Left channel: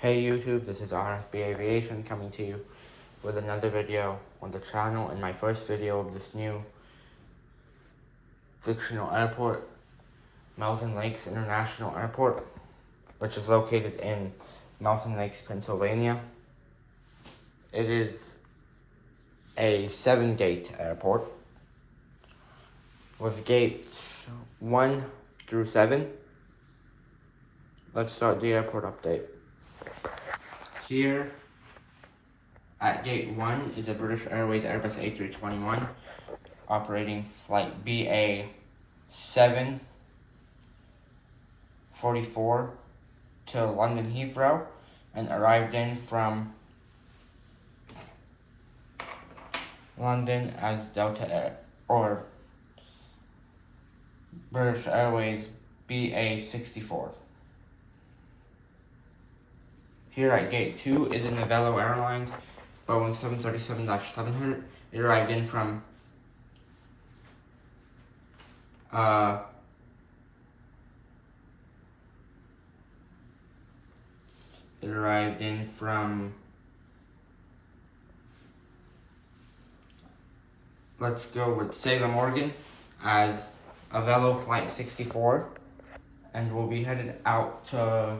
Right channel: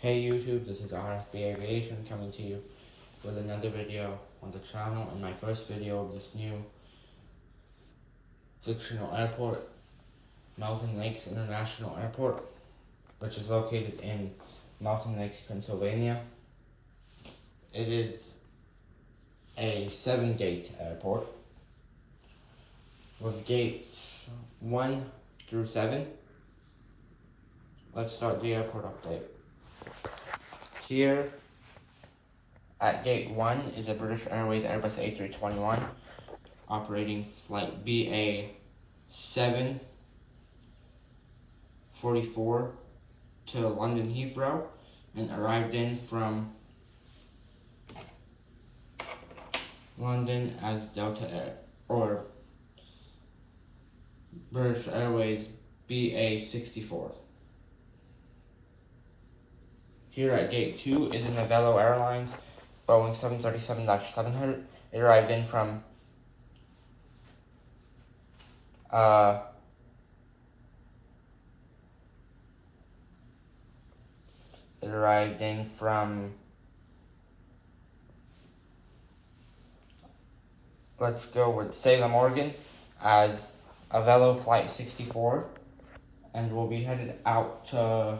Hey YouTube, this is RFB Aviation coming to you with another video on the channel and my first video of this new fictional airport, Mountain Lakes International Airport, which is located in Mountain Lakes, Pennsylvania. It is a 7-gate airport with gates 1 through 7. Let's start the airport update. Here at gate 1 is a British Airways Airbus A321 operating flight BA 744 to London Heathrow and arrived in from London as Delta Air or British Airways BA 64. Here at gate 2 is a Novello Airlines Boeing 737-700. It arrived in from let's go with Salem, Oregon as Avelo Flight 64, and we'll be headed out to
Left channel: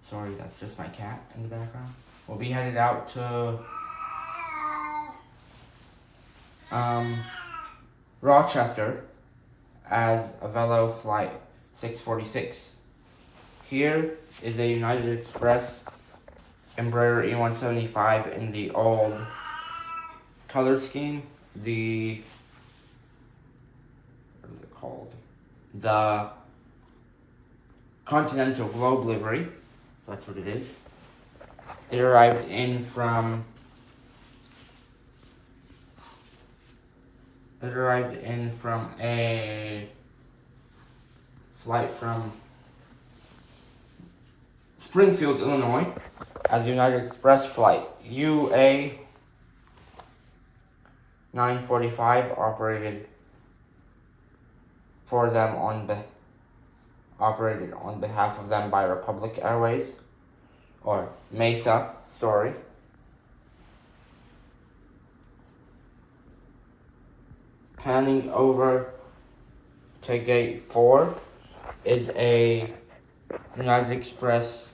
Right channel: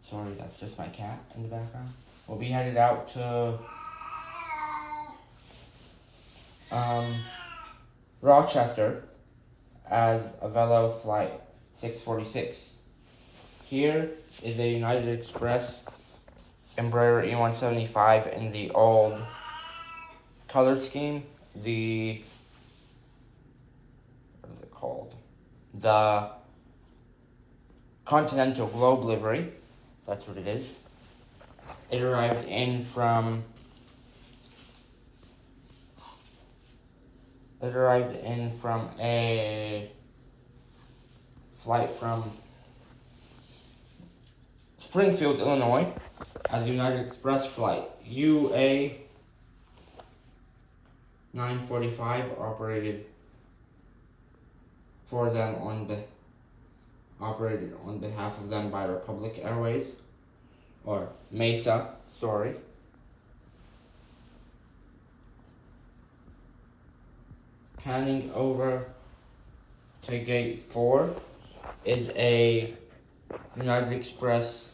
sorry, that's just my cat in the background. We'll be headed out to Rochester as Avelo Flight 646. Here is a United Express Embraer E175 in the old color scheme. What is it called? The Continental Globe livery. That's what it is. It arrived in from a flight from Springfield, Illinois as United Express flight UA 945 operated on behalf of them by Republic Airways or Mesa, sorry. Panning over to gate 4 is a United Express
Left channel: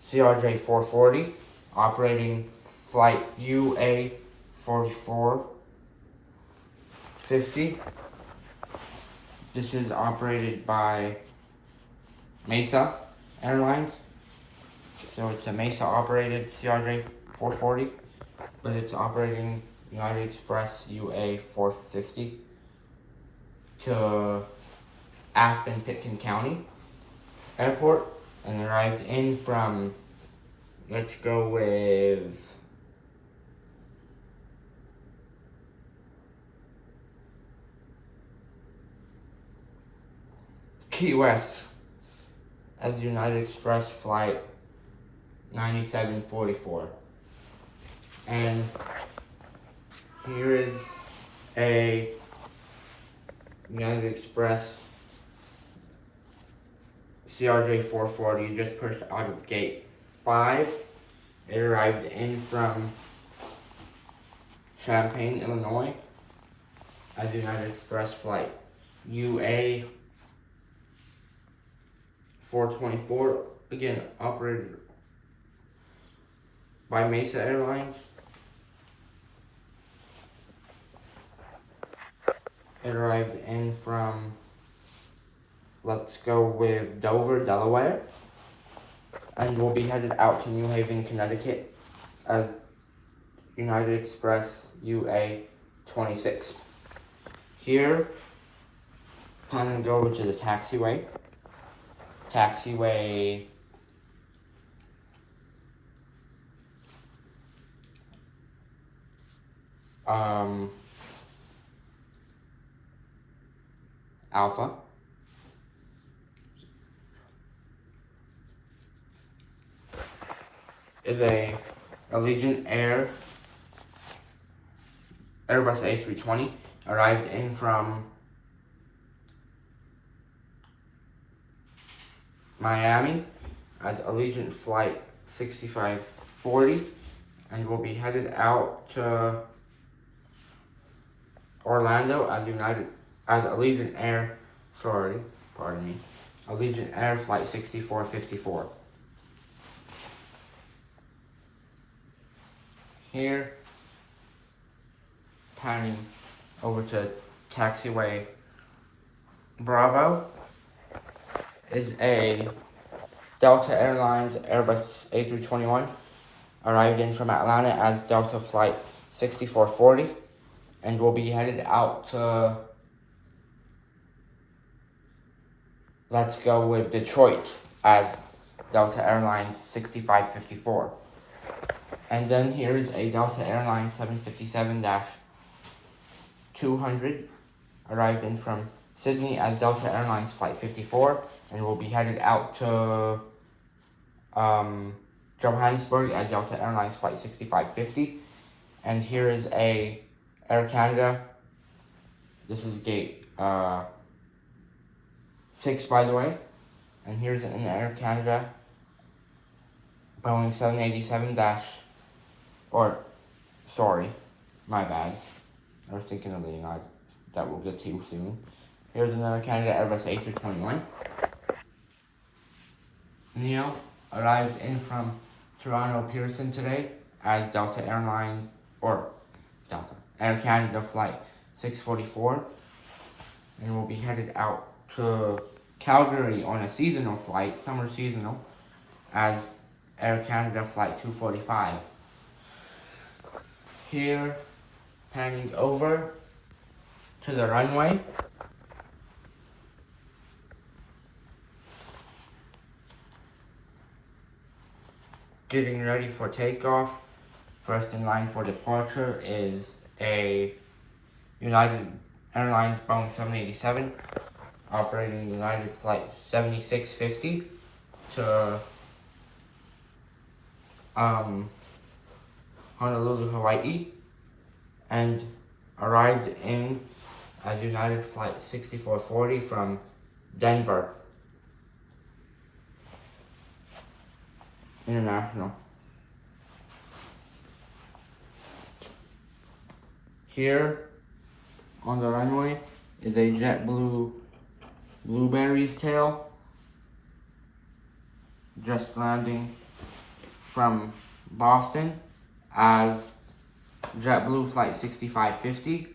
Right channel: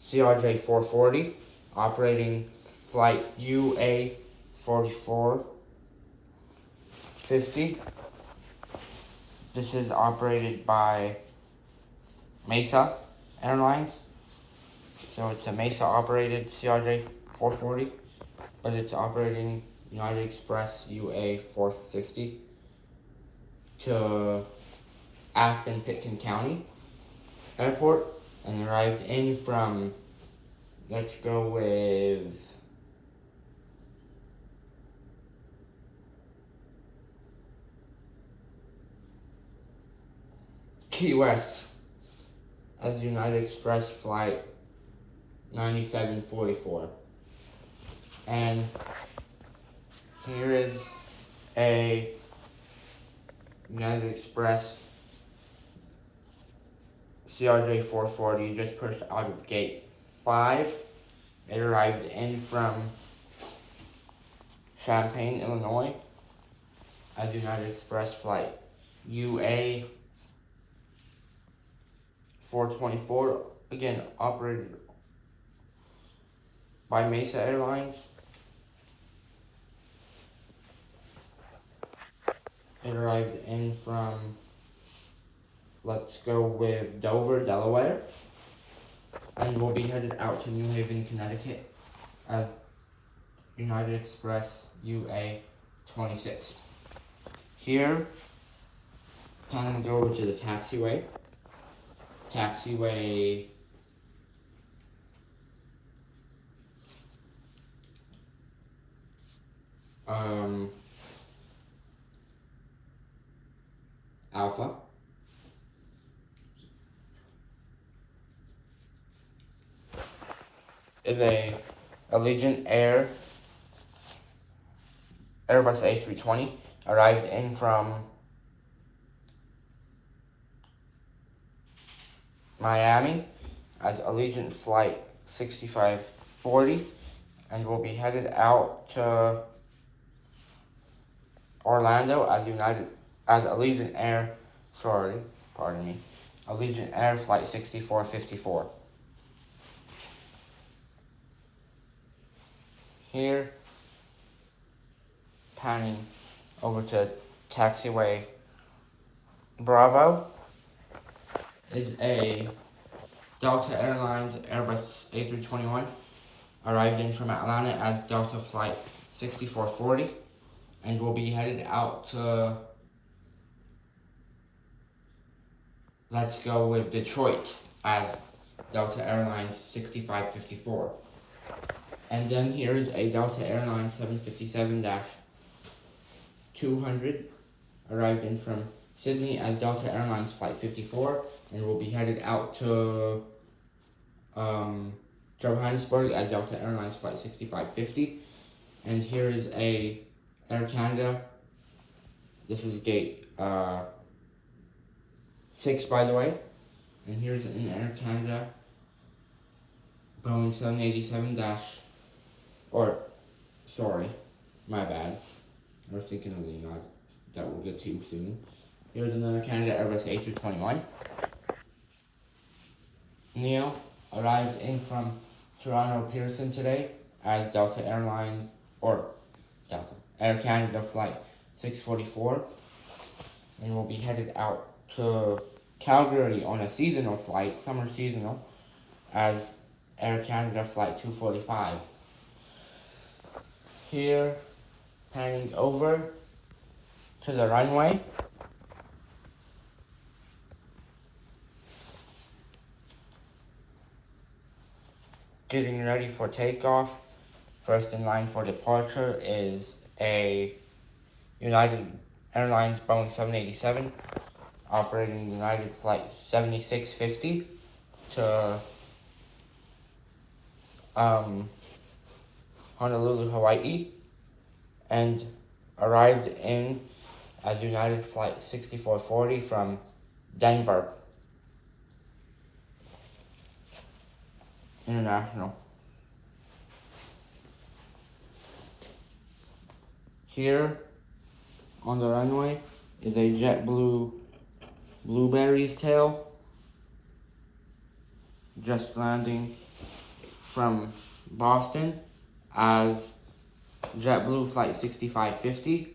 CRJ 440 operating flight UA 4450. This is operated by Mesa Airlines. So it's a Mesa operated CRJ 440, but it's operating United Express UA 450 to Aspen Pitkin County Airport and arrived in from, let's go with Key West as United Express flight 9744. And here is a United Express CRJ 440 just pushed out of gate 5. It arrived in from Champaign, Illinois as United Express flight UA 424, again operated by Mesa Airlines. It arrived in from, let's go with Dover, Delaware, and we'll be headed out to New Haven, Connecticut as United Express UA 26. Here, handing over to the taxiway. Alpha. Is a Allegiant Air Airbus A320, arrived in from Miami as Allegiant Flight 6540, and will be headed out to Orlando as Allegiant Air, Allegiant Air Flight 6454. Here, panning over to taxiway Bravo, is a Delta Airlines Airbus A321, arrived in from Atlanta as Delta Flight 6440, and will be headed out to Let's Go with Detroit as Delta Airlines 6554. And then here is a Delta Airlines 757-200, arrived in from Sydney as Delta Airlines Flight 54, and will be headed out to Johannesburg as Delta Airlines Flight 6550. And here is a Air Canada. This is gate 6, by the way. And here's an Air Canada Boeing 787 my bad. I was thinking of the United that we'll get to soon. Here's another Canada Airbus A321. Neo arrived in from Toronto Pearson today as Delta Air Canada Flight 644, and will be headed out to Calgary on a seasonal flight, summer seasonal, as Air Canada Flight 245. Here, panning over to the runway, getting ready for takeoff. First in line for departure is a United Airlines Boeing 787, operating United Flight 7650 to Honolulu, Hawaii, and arrived in as United Flight 6440 from Denver International. Here on the runway is a JetBlue Blueberry's tail, just landing from Boston as JetBlue Flight 6550.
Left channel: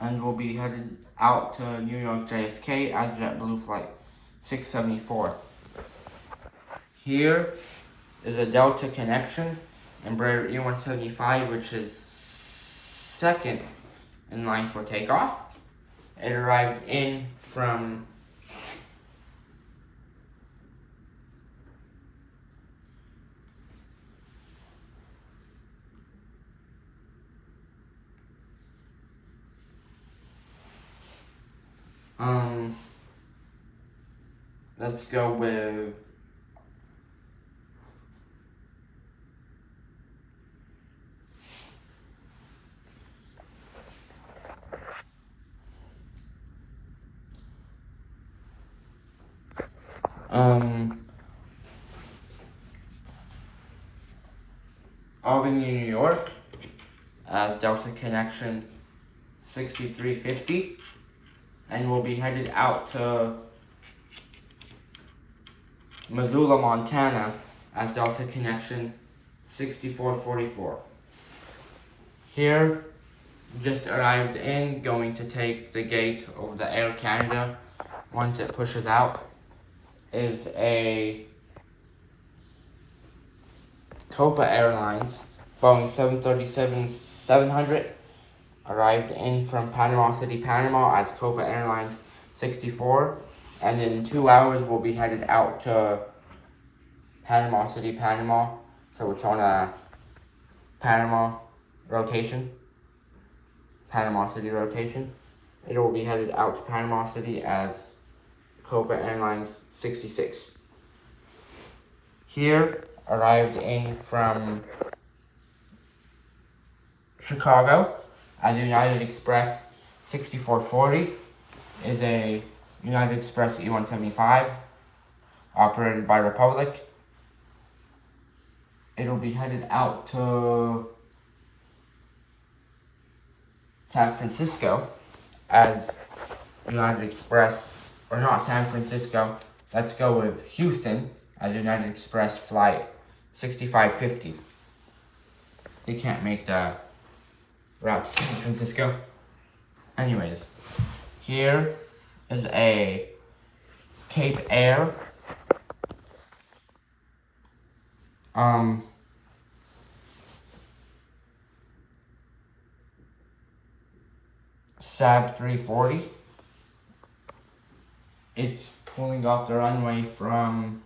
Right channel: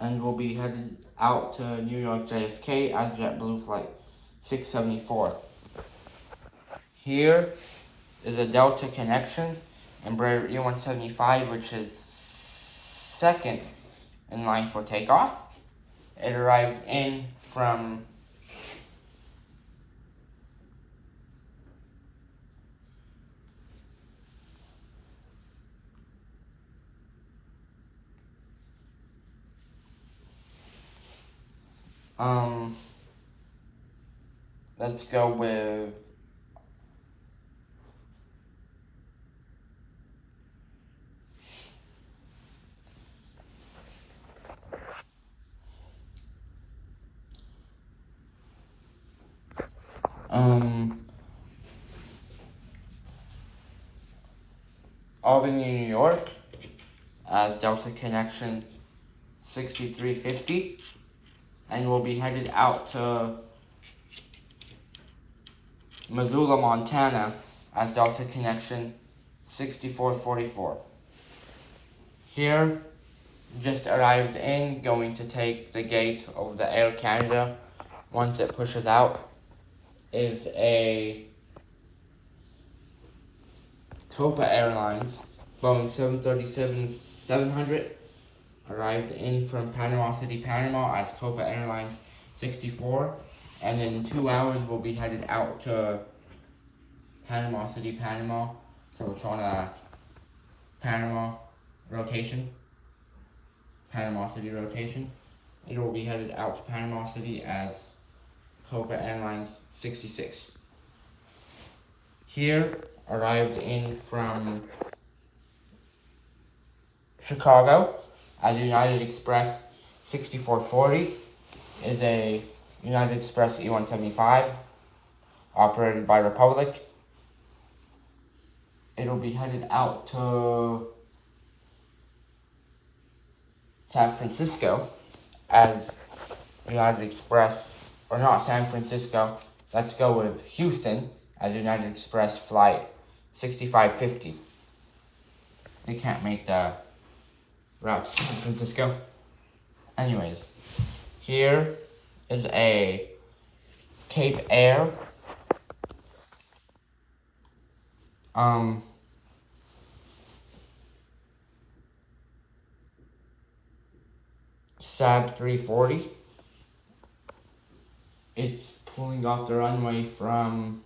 And will be headed out to New York JFK as JetBlue Flight 674. Here is a Delta connection, Embraer E175, which is second in line for takeoff. It arrived in from let's go with Albany, New York as Delta Connection 6350, and will be headed out to Missoula, Montana as Delta Connection 6444. Here, just arrived in, going to take the gate of the Air Canada once it pushes out, is a Copa Airlines Boeing 737-700, arrived in from Panama City, Panama as Copa Airlines 64, and in 2 hours will be headed out to Panama City, Panama, so it's on a Panama City rotation. It will be headed out to Panama City as Copa Airlines 66. Here, arrived in from Chicago as United Express 6440 is a United Express E175 operated by Republic. It'll be headed out to San Francisco as United Express, or not San Francisco, let's go with Houston as United Express flight 6550. They can't make the route to San Francisco. Anyways, here is a Cape Air SAB 340. It's pulling off the runway from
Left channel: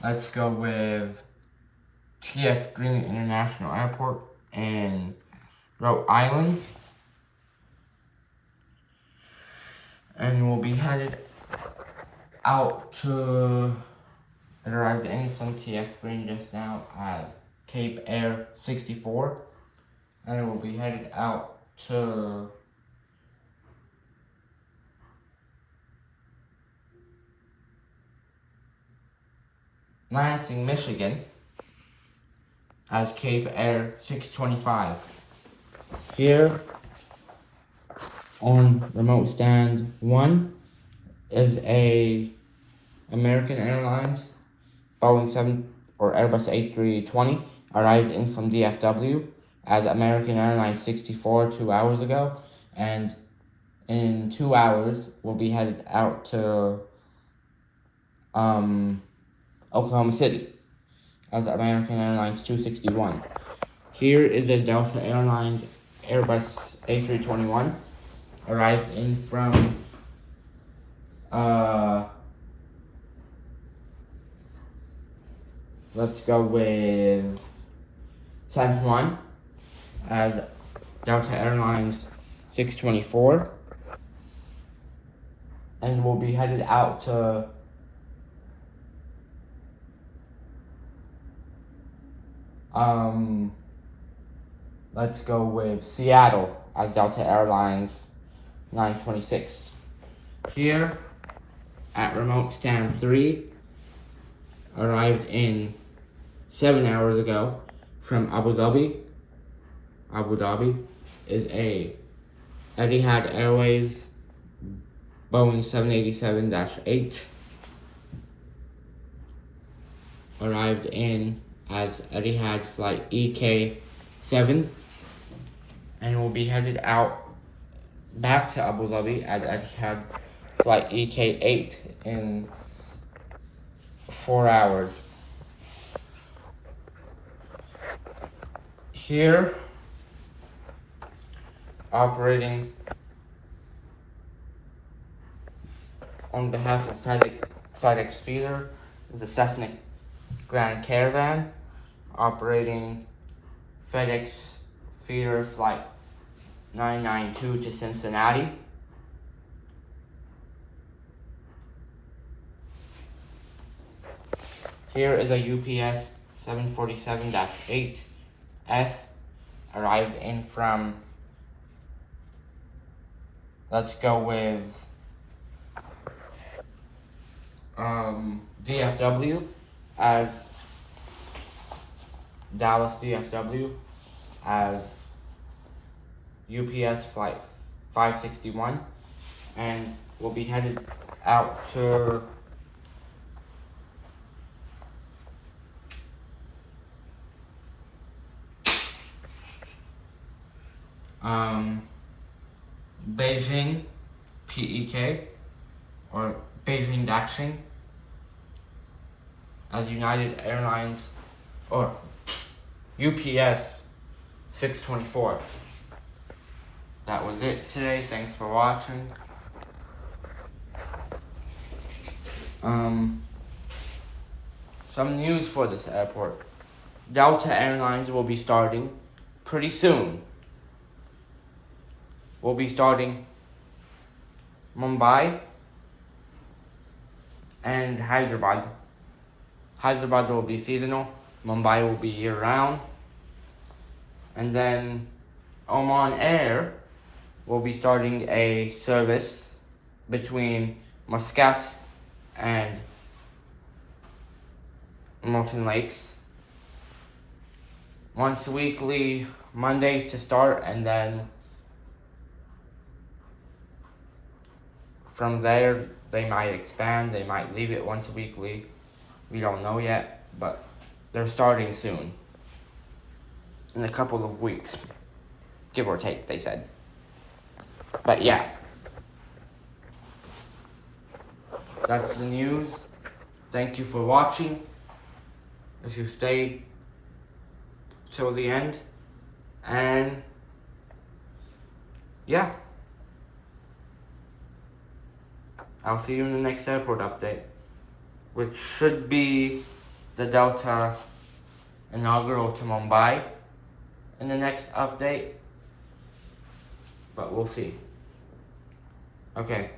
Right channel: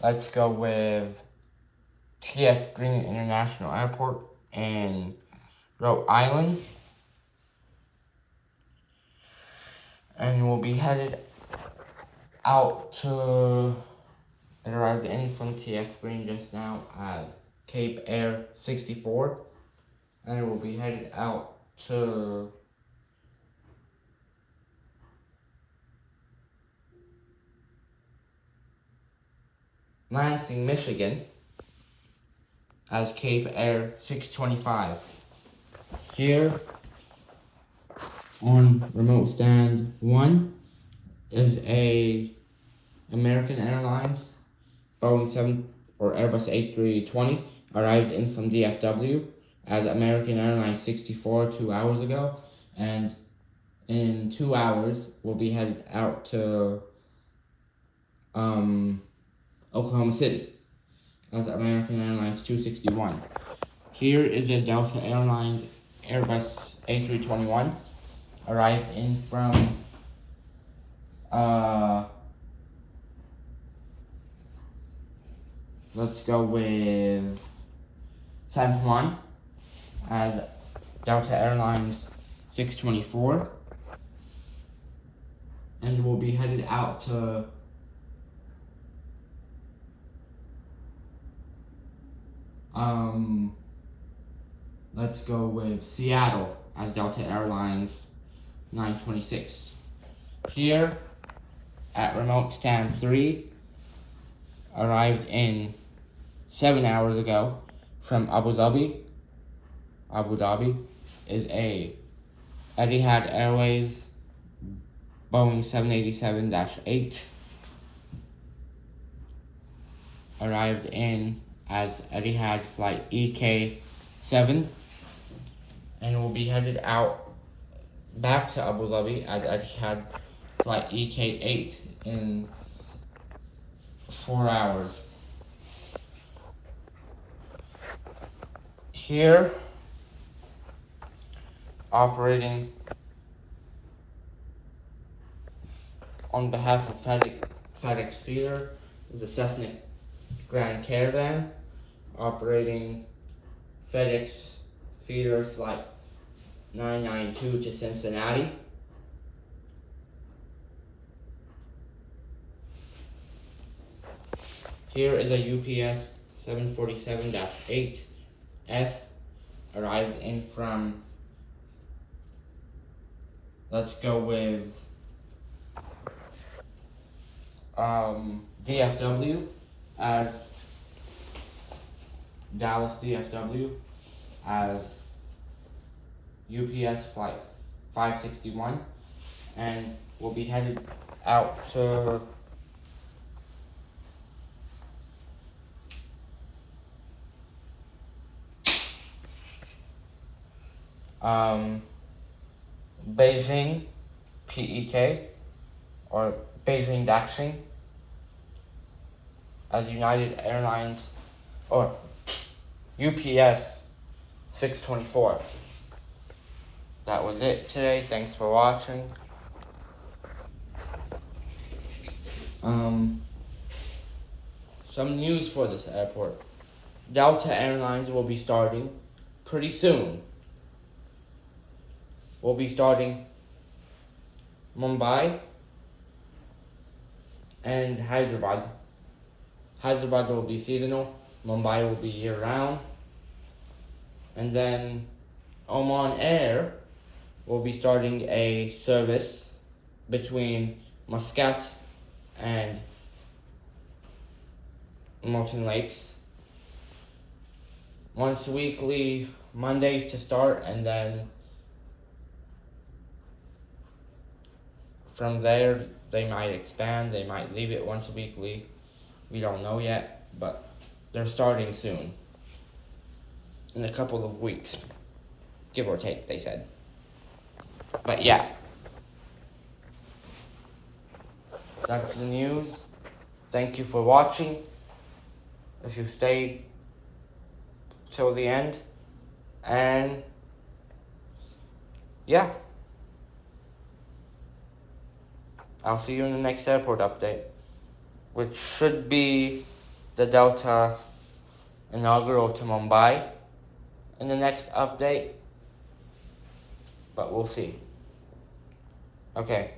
let's go with T.F. Green International Airport in Rhode Island. And we'll be headed out to, it arrived in from T.F. Green just now as Cape Air 64. And it will be headed out to Lansing, Michigan as Cape Air 625. Here on remote stand 1 is a American Airlines Boeing 7 or Airbus A320 arrived in from DFW as American Airlines 64 2 hours ago, and in 2 hours we'll be headed out to Oklahoma City as American Airlines 261. Here is a Delta Airlines Airbus A321 arrived in from let's go with San Juan as Delta Airlines 624, and we'll be headed out to let's go with Seattle as Delta Airlines 926. Here at remote stand 3 arrived in 7 hours ago from Abu Dhabi. Abu Dhabi is a Etihad Airways Boeing 787-8 arrived in as Etihad flight EK7, and will be headed out back to Abu Dhabi as Etihad flight EK8 in 4 hours. Here, operating on behalf of FedEx Feeder is a Cessna Grand Caravan operating FedEx Feeder flight 992 to Cincinnati. Here is a UPS 747-8F arrived in from, let's go with DFW as Dallas DFW as UPS flight 561, and will be headed out to Beijing PEK or Beijing Daxing as United Airlines or UPS 624. That was it today. Thanks for watching. Some news for this airport. Delta Airlines will be starting pretty soon. will be starting Mumbai and Hyderabad. Hyderabad will be seasonal, Mumbai will be year-round, and then Oman Air will be starting a service between Muscat and Moulton Lakes. Once weekly, Mondays to start, and then from there they might expand, they might leave it once weekly. We don't know yet, but they're starting soon. In a couple of weeks, give or take, they said. But yeah, that's the news. Thank you for watching. If you stayed till the end, and yeah, I'll see you in the next airport update, which should be the Delta inaugural to Mumbai in the next update, but we'll see. Okay,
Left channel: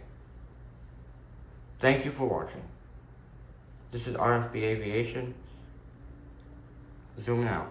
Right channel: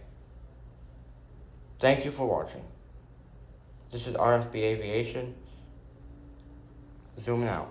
thank you for watching. This is RFB Aviation, zooming out.